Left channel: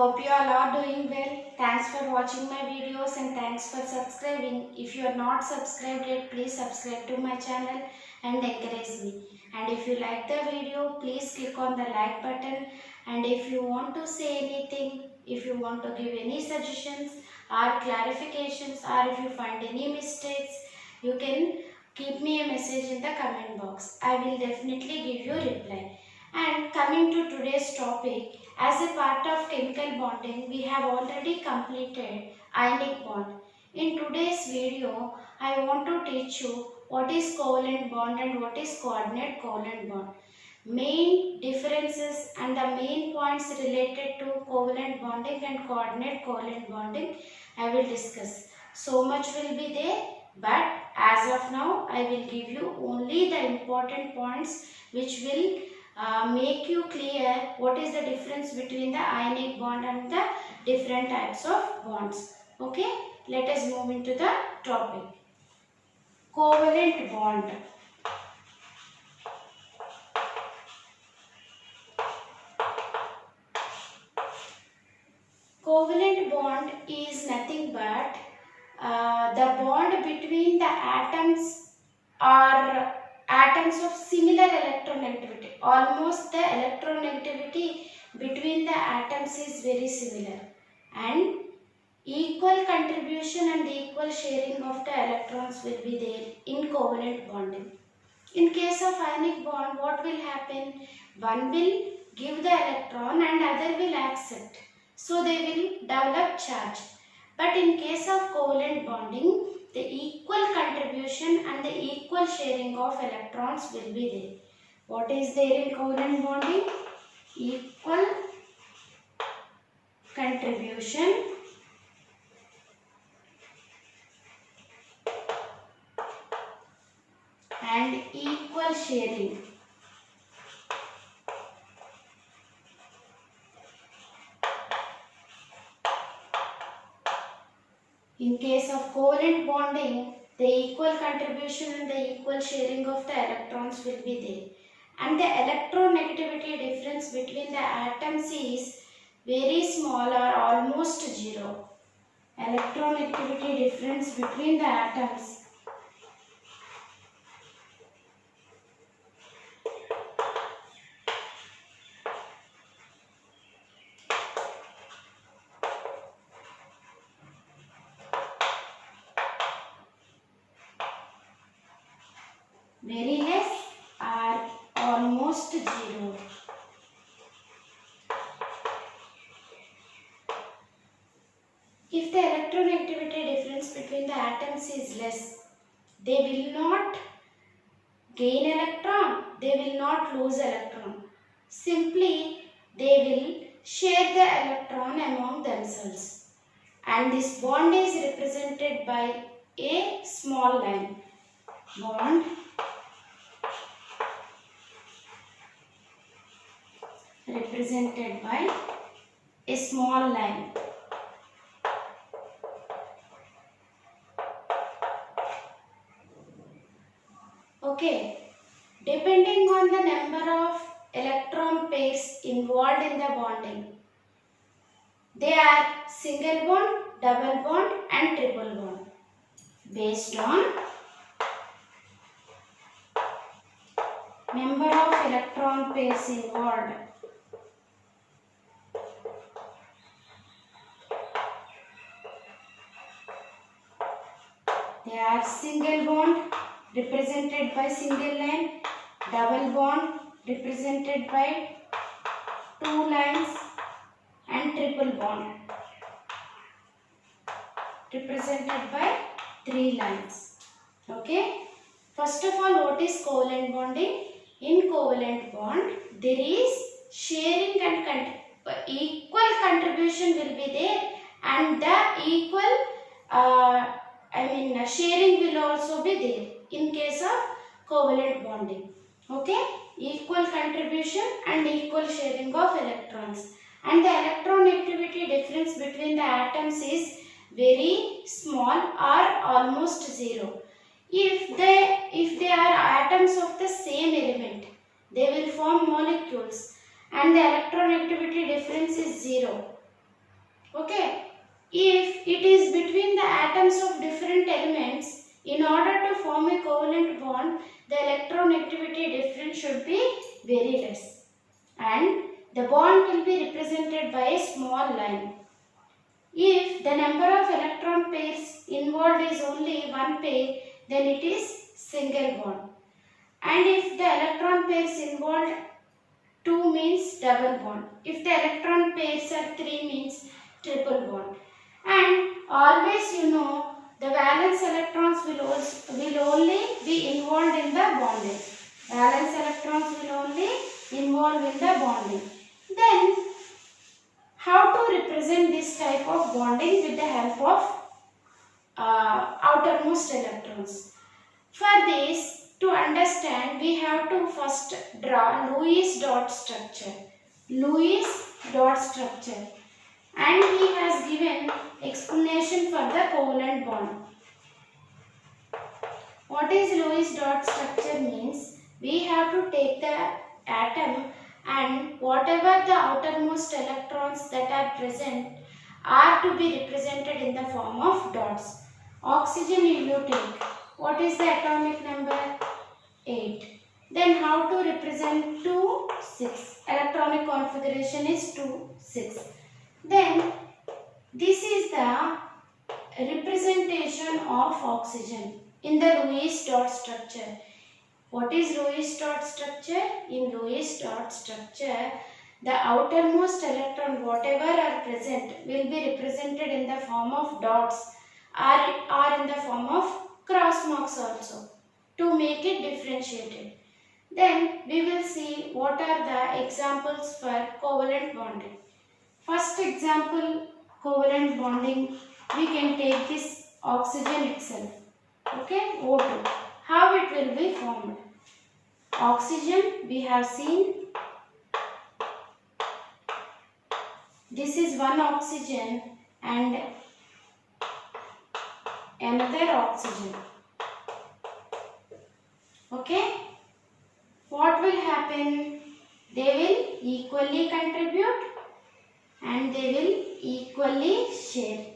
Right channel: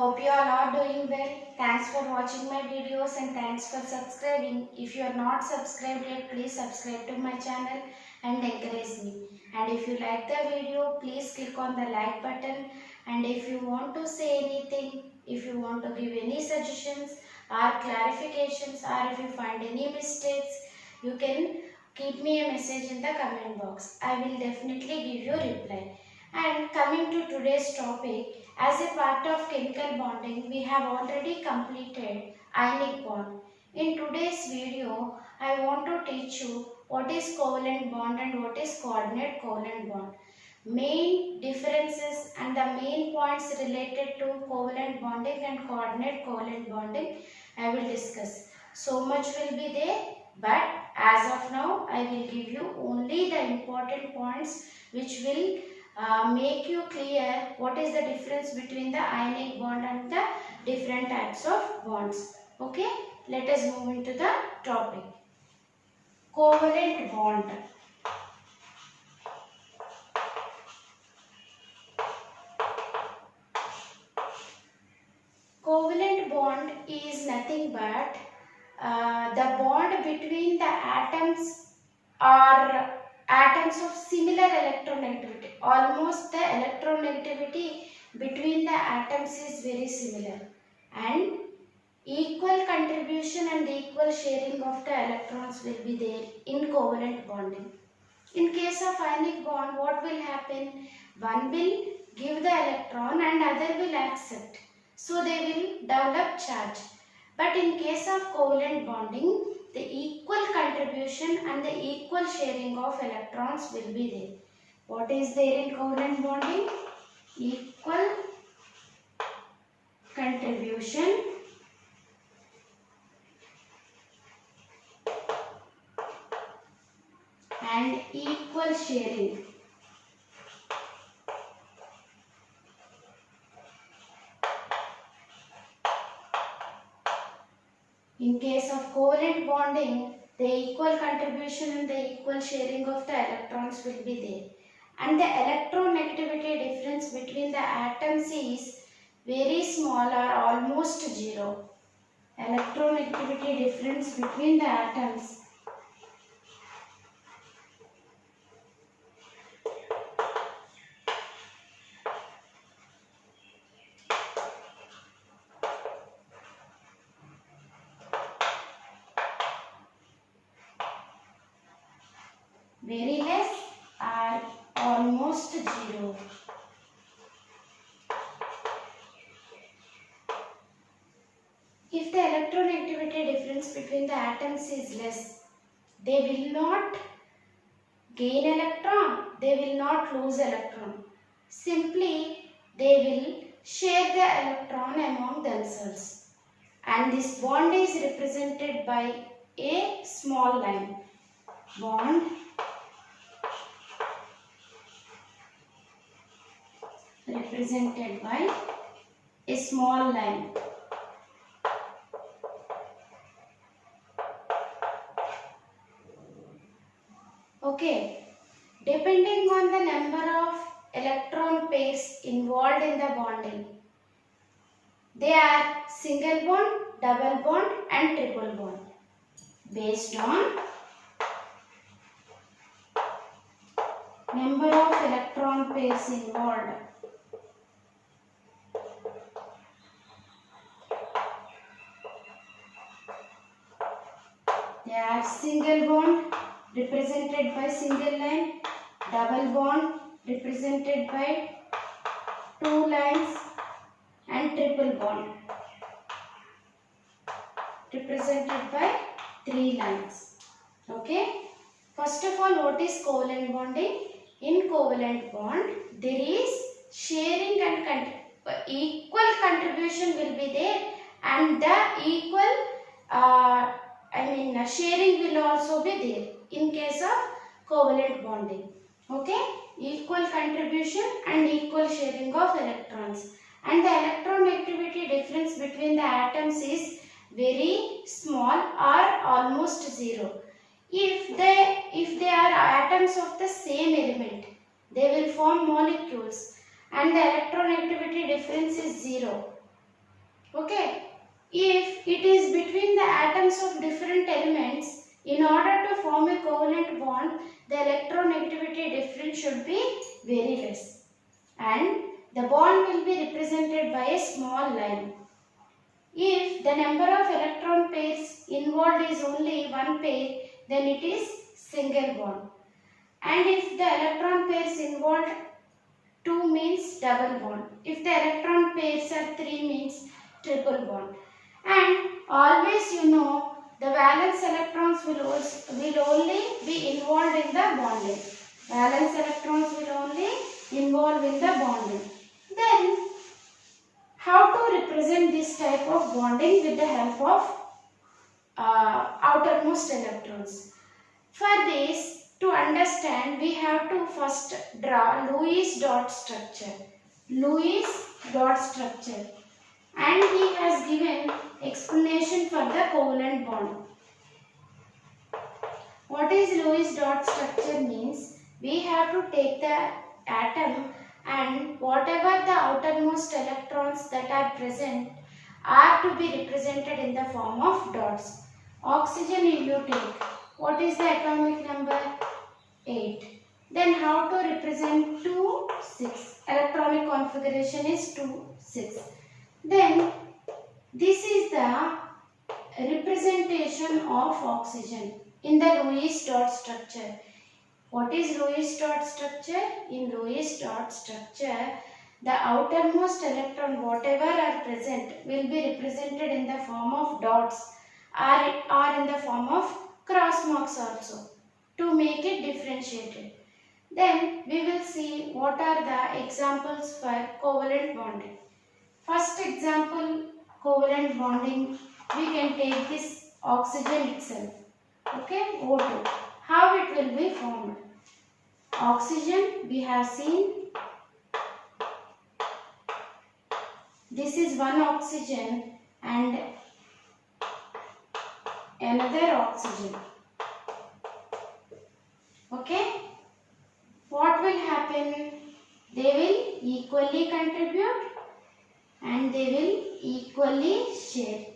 Hope you all are doing well. Thanks for watching my videos and thanks for subscribing. If you are not subscribed yet, please subscribe to my channel and encourage me. And if you like the video, please click on the like button. And if you want to say anything, if you want to give any suggestions or clarifications, or if you find any mistakes, you can keep me a message in the comment box. I will definitely give you a reply. And coming to today's topic, as a part of chemical bonding, we have already completed ionic bond. In today's video, I want to teach you what is covalent bond and what is coordinate covalent bond. Main differences and the main points related to covalent bonding and coordinate covalent bonding I will discuss. So much will be there, but as of now I will give you only the important points which will make you clear what is the difference between the ionic bond and the different types of bonds. Okay, let us move into the topic. Covalent bond. Covalent bond is nothing but the bond between the atoms are atoms of similar electronegativity. Almost the electronegativity between the atoms is very similar, and equal contribution and equal sharing of the electrons will be there in covalent bonding. In case of ionic bond, what will happen? One will give the electron and other will accept. So they will develop charge. But in case of covalent bonding, the equal contribution and the equal sharing of electrons will be there. What is there in covalent bonding? Equal contribution and equal sharing. In case of covalent bonding, the equal contribution and the equal sharing of the electrons will be there. And the electronegativity difference between the atoms is very small or almost zero. Electronegativity difference between the atoms very less or almost zero. If the electronegativity difference between the atoms is less, they will not gain electron, they will not lose electron. Simply, they will share the electron among themselves. And this bond is represented by a small line. Bond represented by a small line. Okay, depending on the number of electron pairs involved in the bonding, they are single bond, double bond and triple bond. Based on number of electron pairs involved, they are single bond represented by single line, double bond represented by two lines and triple bond represented by three lines. Okay. First of all, what is covalent bonding? In covalent bond, there is sharing and equal contribution will be there, and the equal sharing will also be there in case of covalent bonding. Okay, equal contribution and equal sharing of electrons, and the electronegativity difference between the atoms is very small or almost zero. If they are atoms of the same element, they will form molecules and the electronegativity difference is zero. Okay. If it is between the atoms of different elements, in order to form a covalent bond, the electronegativity difference should be very less. And the bond will be represented by a small line. If the number of electron pairs involved is only one pair, then it is single bond. And if the electron pairs involved 2 means double bond. If the electron pairs are 3 means triple bond. And always you know the valence electrons will only be involved in the bonding. Valence electrons will only involve in the bonding. Then how to represent this type of bonding with the help of outermost electrons? For this, to understand, we have to first draw Lewis dot structure. Lewis dot structure. And he has given explanation for the covalent bond. What is Lewis dot structure means? We have to take the atom and whatever the outermost electrons that are present are to be represented in the form of dots. Oxygen if you take. What is the atomic number? 8. Then how to represent 2, 6. Electronic configuration is 2, 6. Then this is the representation of oxygen in the Lewis dot structure. What is Lewis dot structure? In Lewis dot structure, the outermost electron whatever are present will be represented in the form of dots or in the form of cross marks also to make it differentiated. Then we will see what are the examples for covalent bonding. First example, covalent bonding, we can take this oxygen itself. Okay, O2. How it will be formed? Oxygen, we have seen. This is one oxygen and another oxygen. Okay. What will happen? They will equally contribute and they will equally share.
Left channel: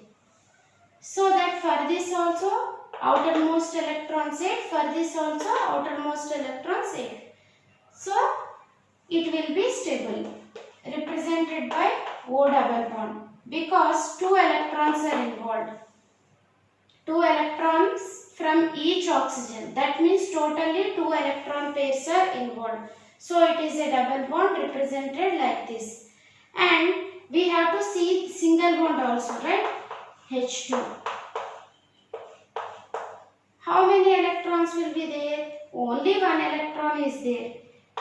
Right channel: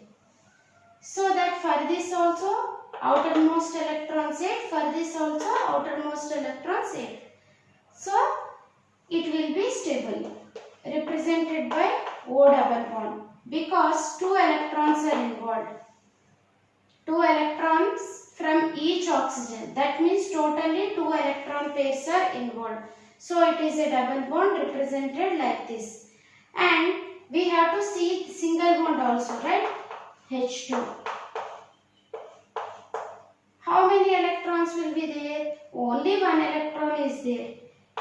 So that for this also outermost electron 8, for this also outermost electrons 8. So it will be stable, represented by O double bond because 2 electrons are involved. 2 electrons from each oxygen. That means totally 2 electron pairs are involved. So it is a double bond represented like this. And we have to see single bond also, right? H2. How many electrons will be there? Only one electron is there.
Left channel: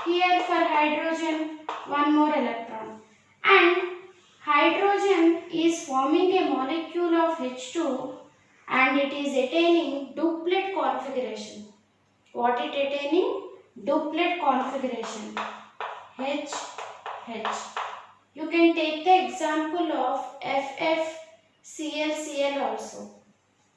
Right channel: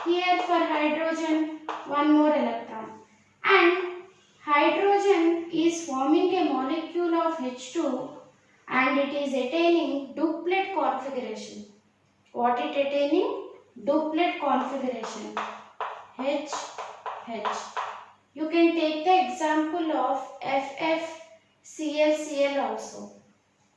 Here for hydrogen, one more electron. And hydrogen is forming a molecule of H2 and it is attaining duplet configuration. What it attaining? Duplet configuration. H, H. You can take the example of FFClCl also.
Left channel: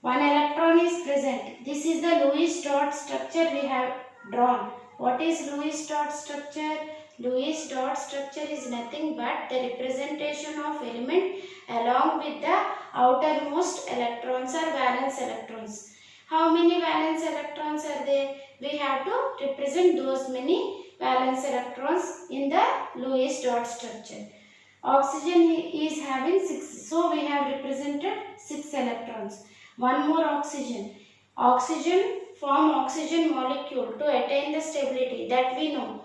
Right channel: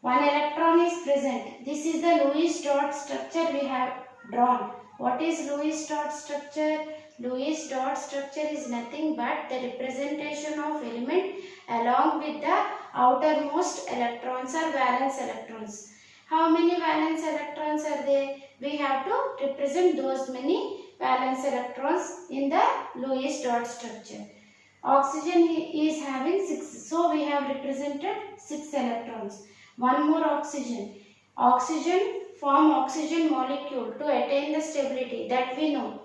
One electron is present. This is the Lewis dot structure we have drawn. What is Lewis dot structure? Lewis dot structure is nothing but the representation of element along with the outermost electrons or valence electrons. How many valence electrons are there? We have to represent those many valence electrons in the Lewis dot structure. Oxygen is having 6. So we have represented 6 electrons. One more oxygen. Oxygen form oxygen molecule to attain the stability that we know.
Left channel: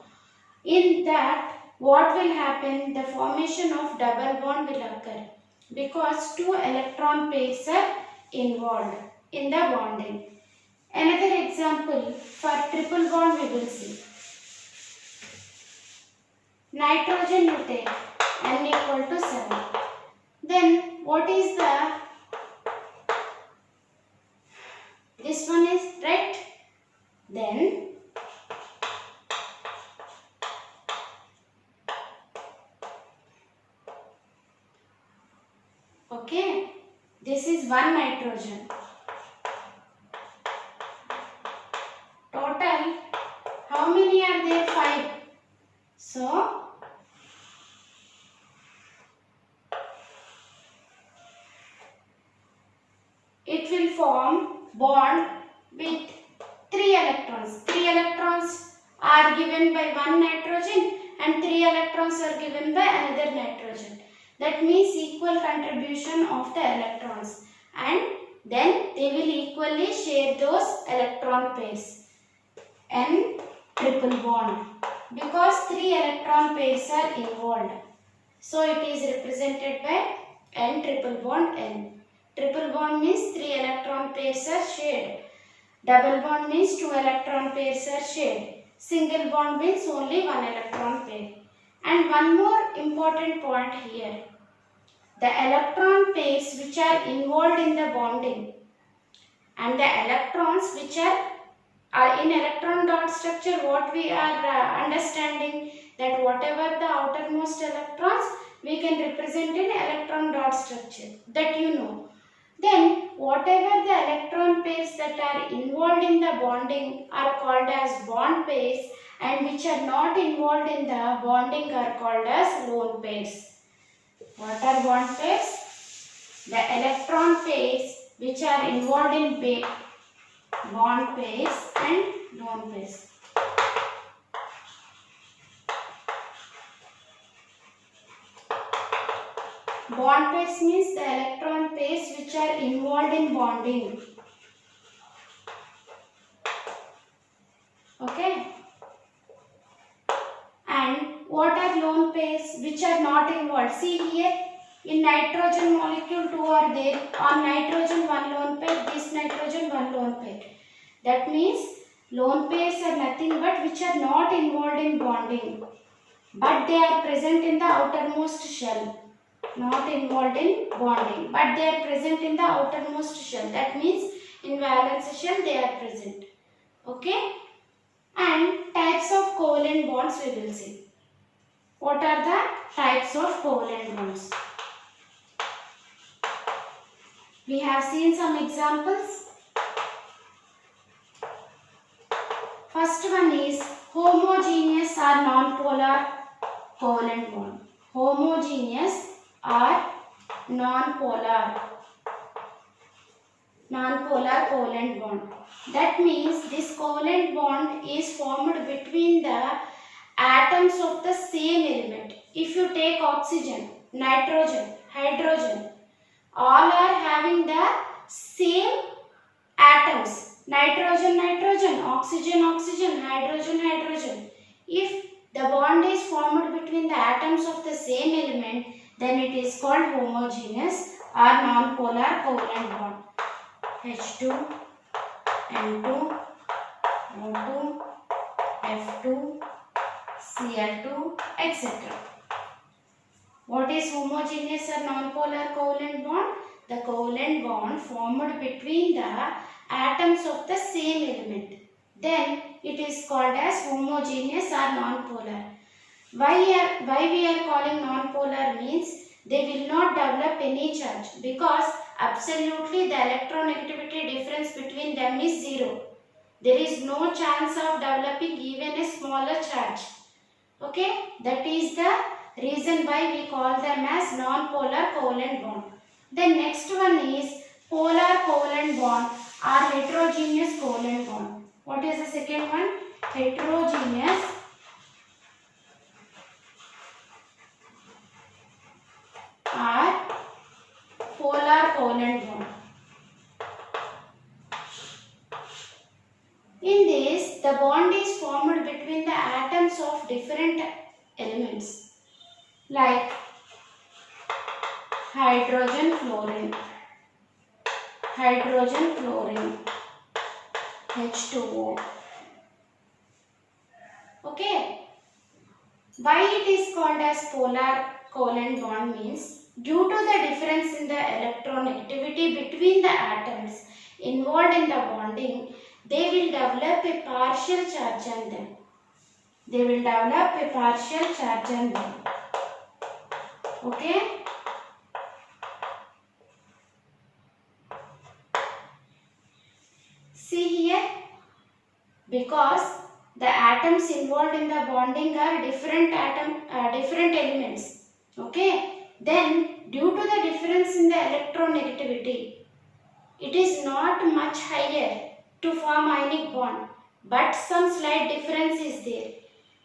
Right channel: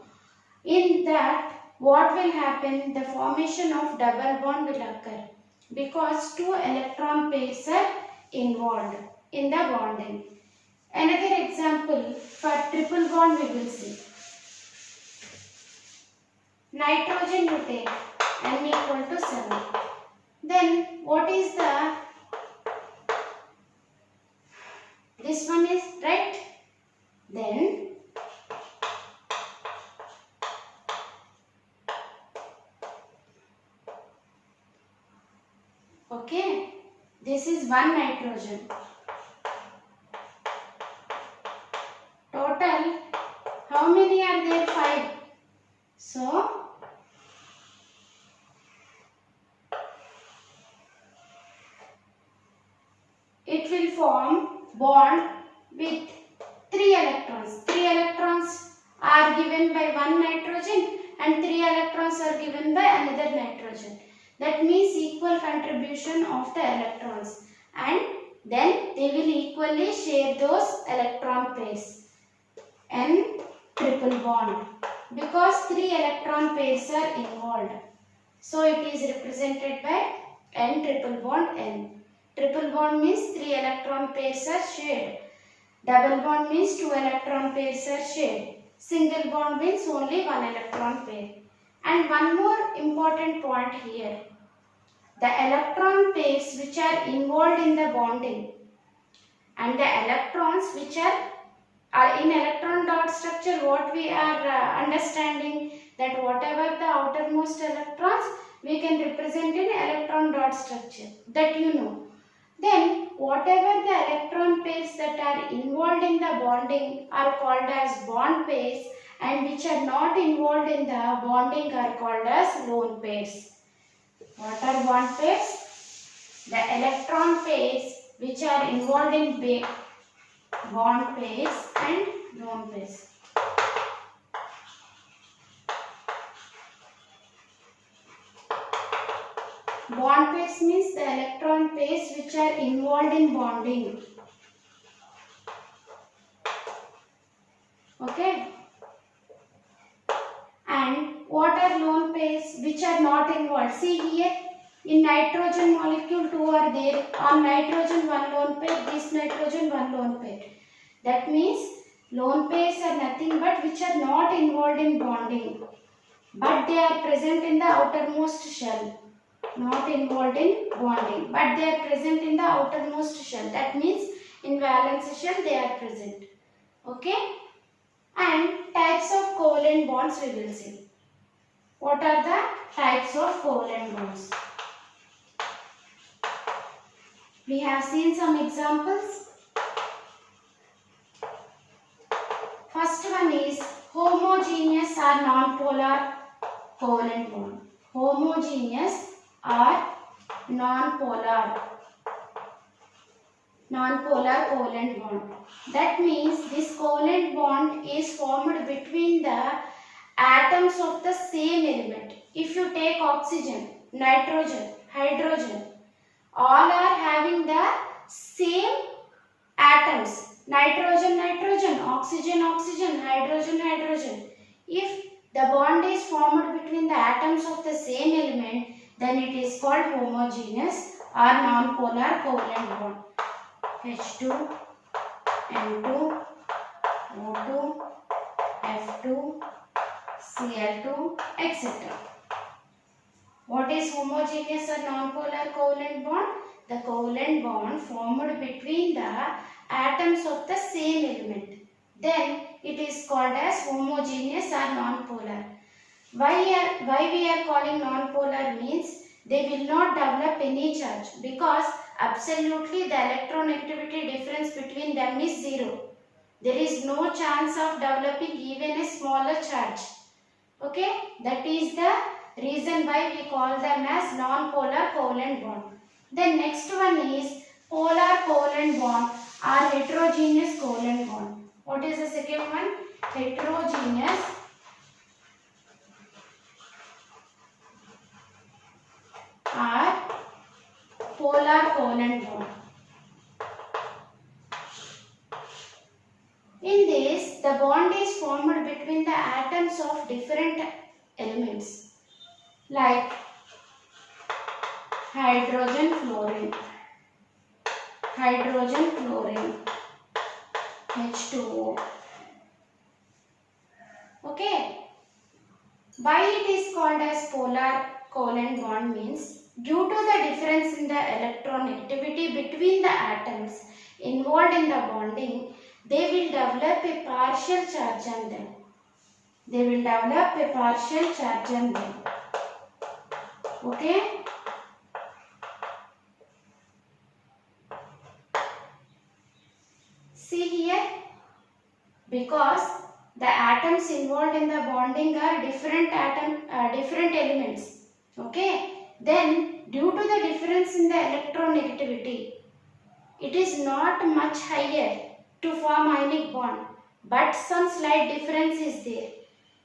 In that, what will happen? The formation of double bond will occur because 2 electron pairs are involved in the bonding. Another example for triple bond we will see. Nitrogen you take N equal to 7. Then what is the, this one is right. Then okay, this is one nitrogen. Total, how many are there? 5. So will form bond with 3 electrons. 3 electrons are given by one nitrogen and 3 electrons are given by another nitrogen. That means equal contribution of the electrons, and then they will equally share those electron pairs. N triple bond, because 3 electron pairs are involved. So it is represented by N triple bond N. Triple bond means 3 electron pairs are shared. Double bond means 2 electron pairs are shared. Single bond means only 1 electron pair. And one more important point here. The electron pairs which are involved in the bonding and the electrons which are in electron dot structure, what we are understanding, that whatever the outermost electrons we can represent in electron dot structure, that you know. Then whatever the electron pairs that are involved in the bonding are called as bond pairs, and which are not involved in the bonding are called as lone pairs. What are bond pairs? The electron pairs which are involved in bond pairs and lone pairs. Bond pairs means the electron pairs which are involved in bonding. Okay. And what are lone pairs which are not involved? See here, in nitrogen molecule 2 are there. On nitrogen 1 lone pair, this nitrogen 1 lone pair. That means lone pairs are nothing but which are not involved in bonding, but they are present in the outermost shell. Not involved in bonding, but they are present in the outermost shell. That means in valence shell they are present. Okay. And types of covalent bonds we will see. What are the types of covalent bonds? We have seen some examples. First one is homogeneous or non-polar covalent bond. Homogeneous or non-polar covalent bond. That means this covalent bond is formed between the atoms of the same element. If you take oxygen, nitrogen, hydrogen, all are having the same atoms. Nitrogen, nitrogen, oxygen, oxygen, hydrogen, hydrogen. If the bond is formed between the atoms of the same element, then it is called homogeneous or non-polar covalent bond. H2, N2, O2, F2, Cl2, etc. What is homogeneous or non-polar covalent bond? The covalent bond formed between the atoms of the same element. Then it is called as homogeneous or non-polar. Why we are calling non-polar means they will not develop any charge, because absolutely the electronegativity difference between them is 0. There is no chance of developing even a smaller charge. Okay, that is the reason why we call them as non-polar covalent bond. Then next one is polar covalent bond or heterogeneous covalent bond. What is the second one? Heterogeneous or polar covalent bond. In this, the bond is formed between the atoms of different elements like hydrogen, fluorine, H2O. Okay. Why it is called as polar covalent bond means due to the difference in the electronegativity between the atoms involved in the bonding, they will develop a partial charge on them. Okay. See here, because the atoms involved in the bonding are different elements. Okay. Then due to the difference in the electronegativity, it is not much higher to form ionic bond, but some slight difference is there.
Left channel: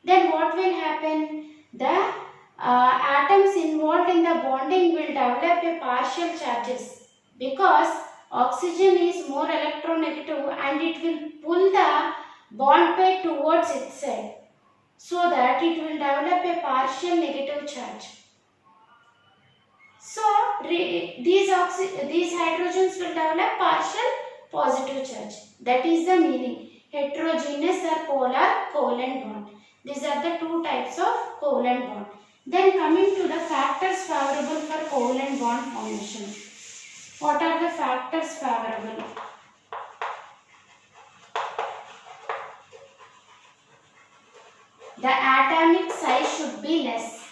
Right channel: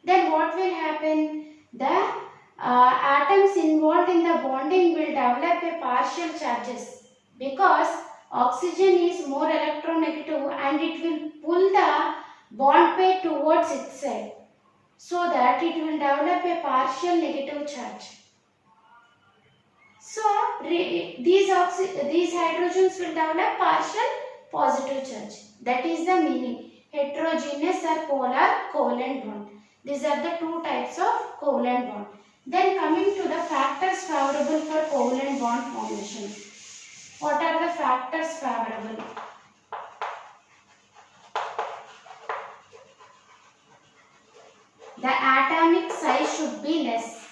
Then what will happen? The atoms involved in the bonding will develop a partial charges because oxygen is more electronegative and it will pull the bond pair towards its side, so that it will develop a partial negative charge. So these hydrogens will develop partial positive charge. That is the meaning. Heterogeneous or polar covalent bond. These are the two types of covalent bond. Then coming to the factors favorable for covalent bond formation. What are the factors favorable? The atomic size should be less.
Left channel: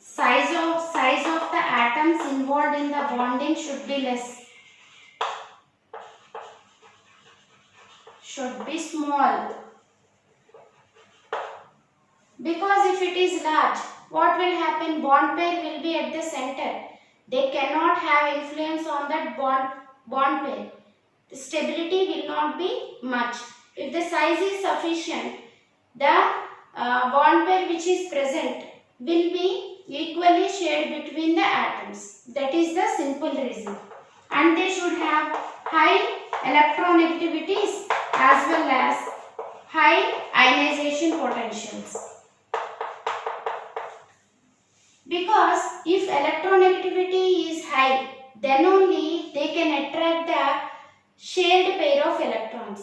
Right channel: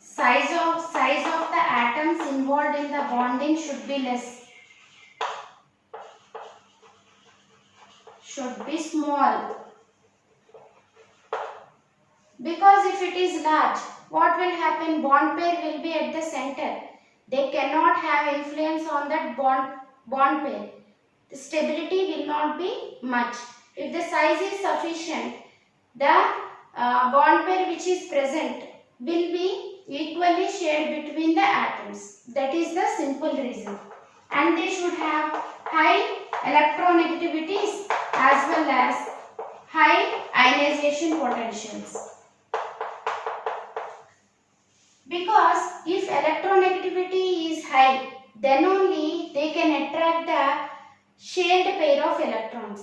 Size of the atoms involved in the bonding should be less. Should be small. Because if it is large, what will happen? Bond pair will be at the center. They cannot have influence on that bond pair. The stability will not be much. If the size is sufficient, the bond pair which is present will be equally shared between the atoms. That is the simple reason. And they should have high electronegativities as well as high ionization potentials. Because if electronegativity is high, then only they can attract the shared pair of electrons.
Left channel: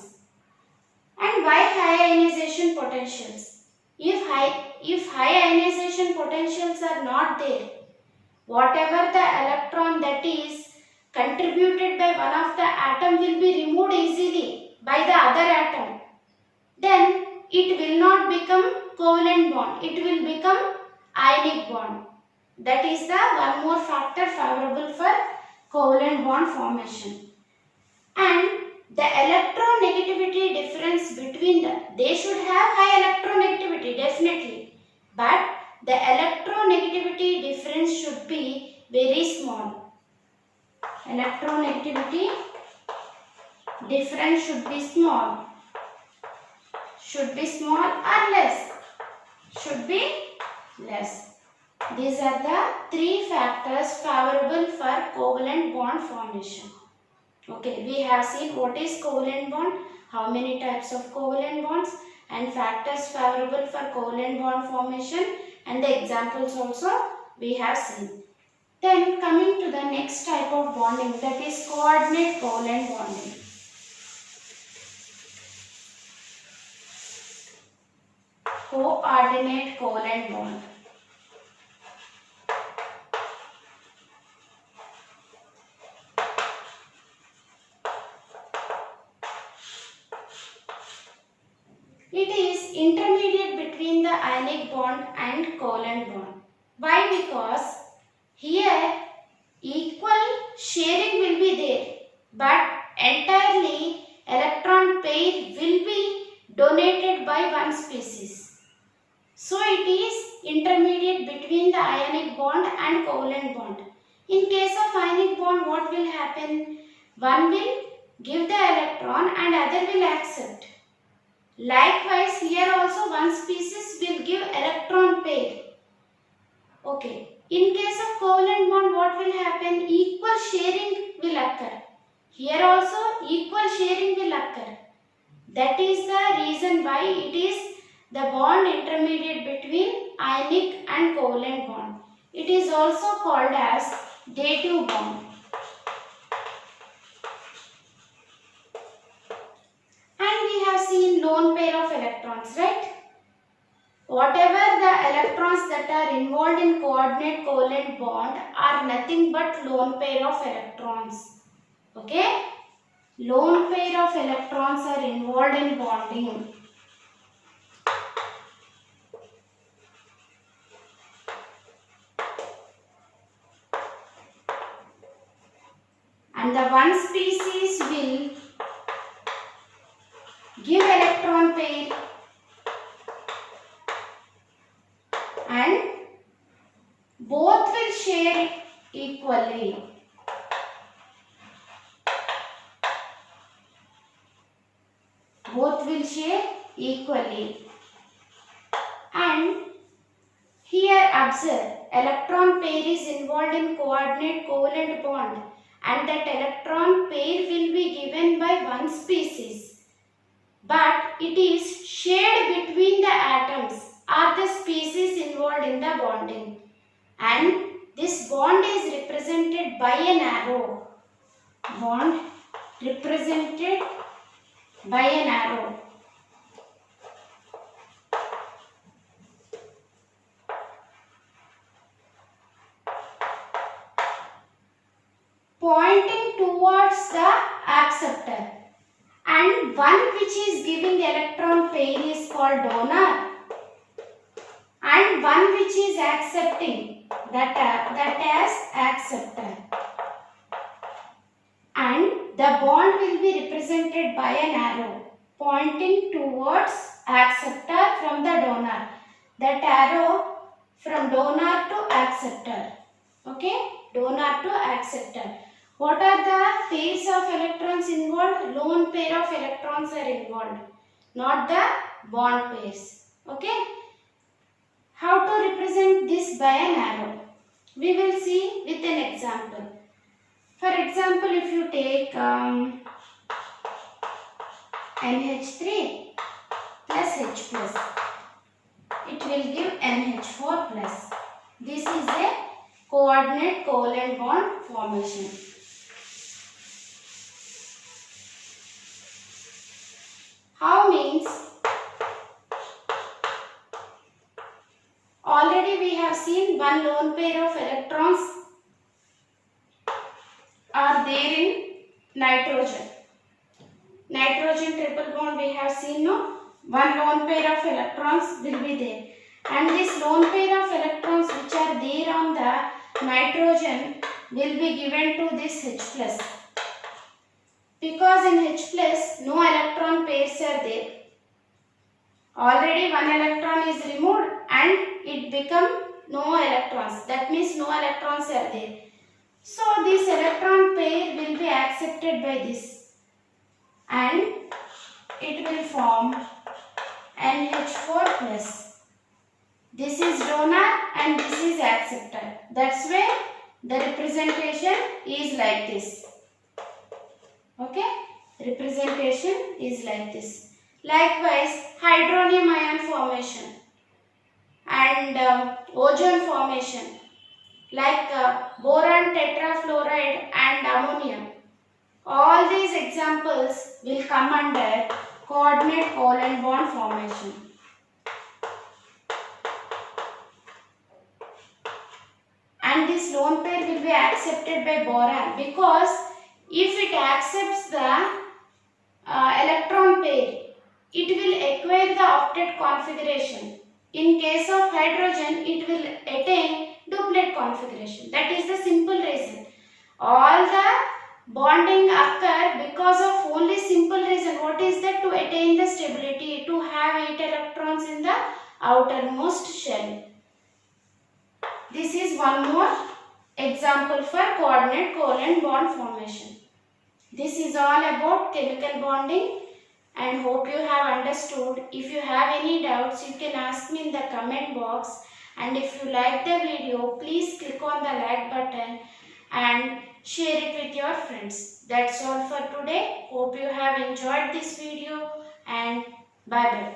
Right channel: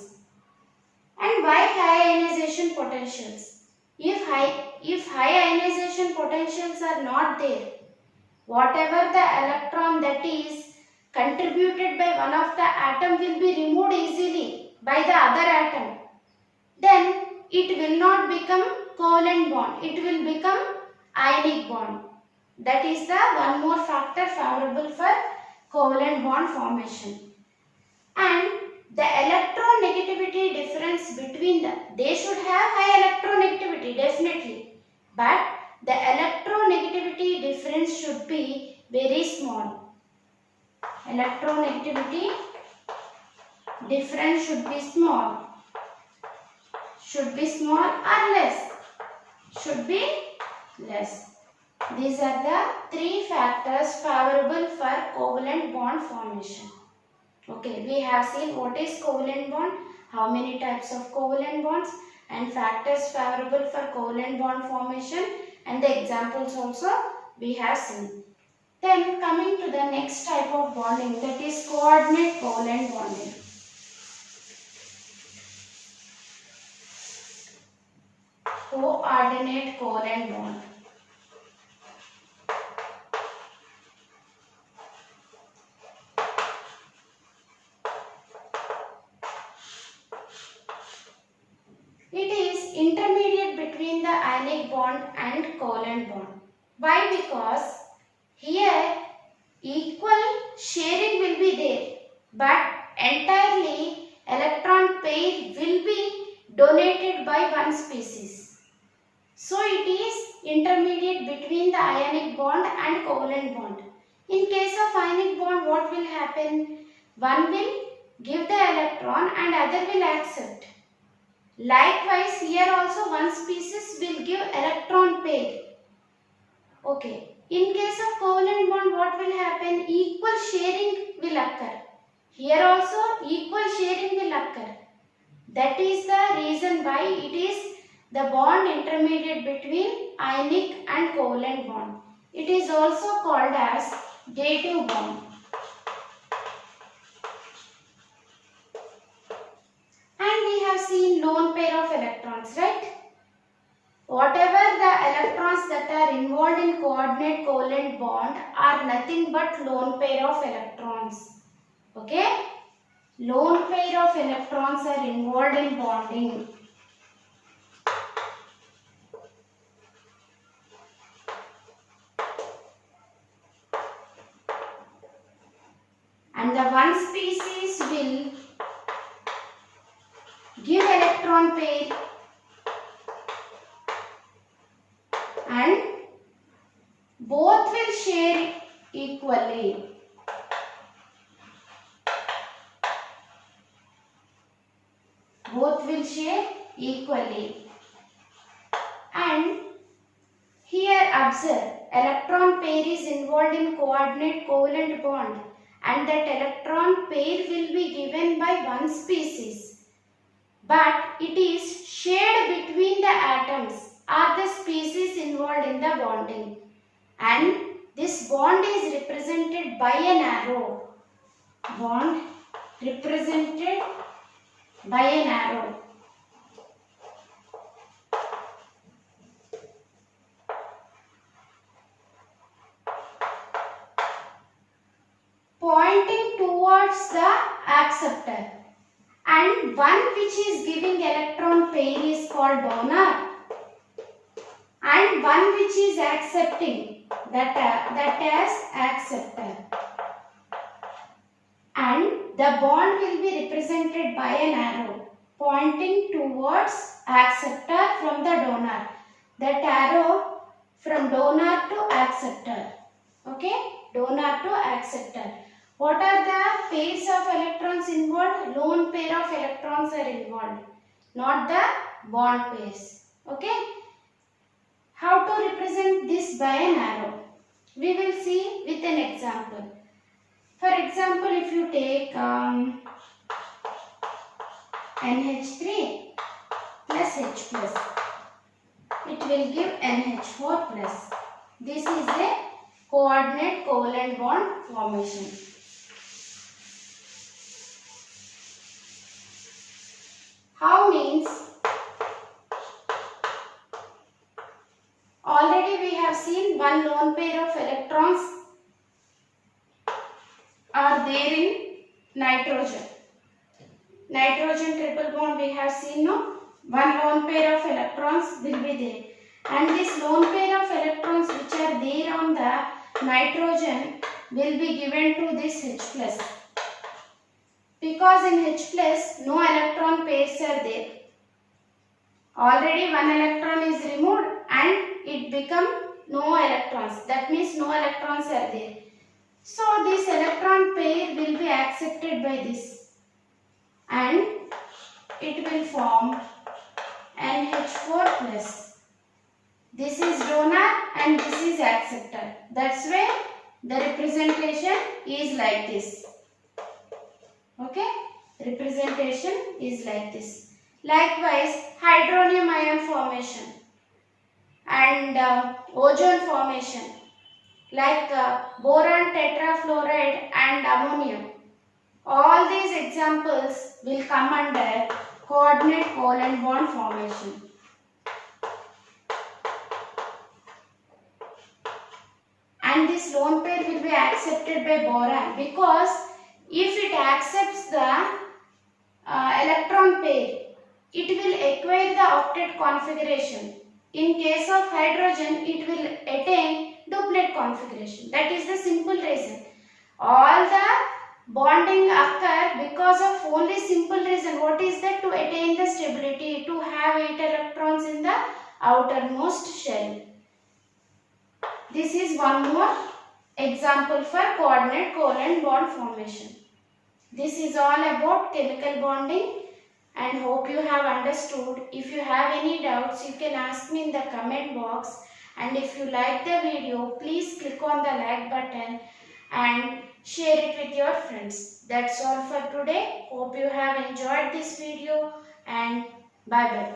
And why high ionization potentials? If high ionization potentials are not there, whatever the electron that is contributed by one of the atom will be removed easily by the other atom. Then it will not become covalent bond. It will become ionic bond. That is the one more factor favorable for covalent bond formation. And the electronegativity difference between them, they should have high electronegativity definitely, but the electronegativity difference should be very small. Electronegativity difference should be small. Should be small or less? Should be less. These are the three factors favorable for covalent bond formation. Okay, we have seen what is covalent bond, how many types of covalent bonds, and factors favorable for covalent bond formation, and the examples also we have seen. Then coming to the next type of bonding, that is coordinate covalent bonding. Coordinate covalent bond. It is intermediate between the ionic bond and covalent bond. Why? Because here equal sharing will be there, but entirely electron pair will be donated by one species. So it is intermediate between the ionic bond and covalent bond. In case of ionic bond, what will happen? One will give the electron and other will accept. Likewise, here also one species will give electron pair. Okay. In case of covalent bond, what will happen? Equal sharing will occur. Here also equal sharing will occur. That is the reason why it is the bond intermediate between ionic and covalent bond. It is also called as dative bond. And we have seen lone pair of electrons, right? Whatever the electrons that are involved in coordinate covalent bond are nothing but lone pair of electrons. Okay? Lone pair of electrons are involved in bonding. And the one species will give electron pair and both will share equally. Both will share equally. And here observe, electron pair is involved in coordinate covalent bond, and that electron pair will be given by one species, but it is shared between the atoms or the species involved in the bonding, and this bond is represented by an arrow. Bond represented by an arrow. Pointing towards the acceptor, and one which is giving electron pair is called donor, and one which is accepting that as acceptor, and the bond will be represented by an arrow pointing towards acceptor from the donor. That arrow from donor to acceptor. Okay, donor to acceptor. What are the pairs of electrons involved? Lone pair of electrons are involved, not the bond pairs. Okay. How to represent this by an arrow? We will see with an example. For example, if you take NH3 plus H plus, it will give NH4 plus. This is a coordinate covalent bond formation. How means? Already we have seen one lone pair of electrons are there in nitrogen. Nitrogen triple bond we have seen, no? One lone pair of electrons will be there. And this lone pair of electrons which are there on the nitrogen will be given to this H plus. Because in H plus no electron pairs are there. Already one electron is removed and it become no electrons. That means no electrons are there. So this electron pair will be accepted by this, and it will form NH4 plus. This is donor and this is acceptor. That's why the representation is like this. Okay, representation is like this. Likewise, hydronium ion formation and ozone formation, like boron tetrafluoride and ammonium. All these examples will come under coordinate covalent bond formation. And this lone pair will be accepted by boron, because if it accepts the electron pair, it will acquire the octet configuration. In case of hydrogen, it will attain duplet configuration. That is the simple reason. All the bonding occur because of only simple reason. What is that? To attain the stability, to have 8 electrons in the outermost shell. This is one more example for coordinate covalent bond formation. This is all about chemical bonding, and hope you have understood. If you have any doubts, you can ask me in the comment box. And if you like the video, please click on the like button and share it with your friends. That's all for today. Hope you have enjoyed this video, and bye bye.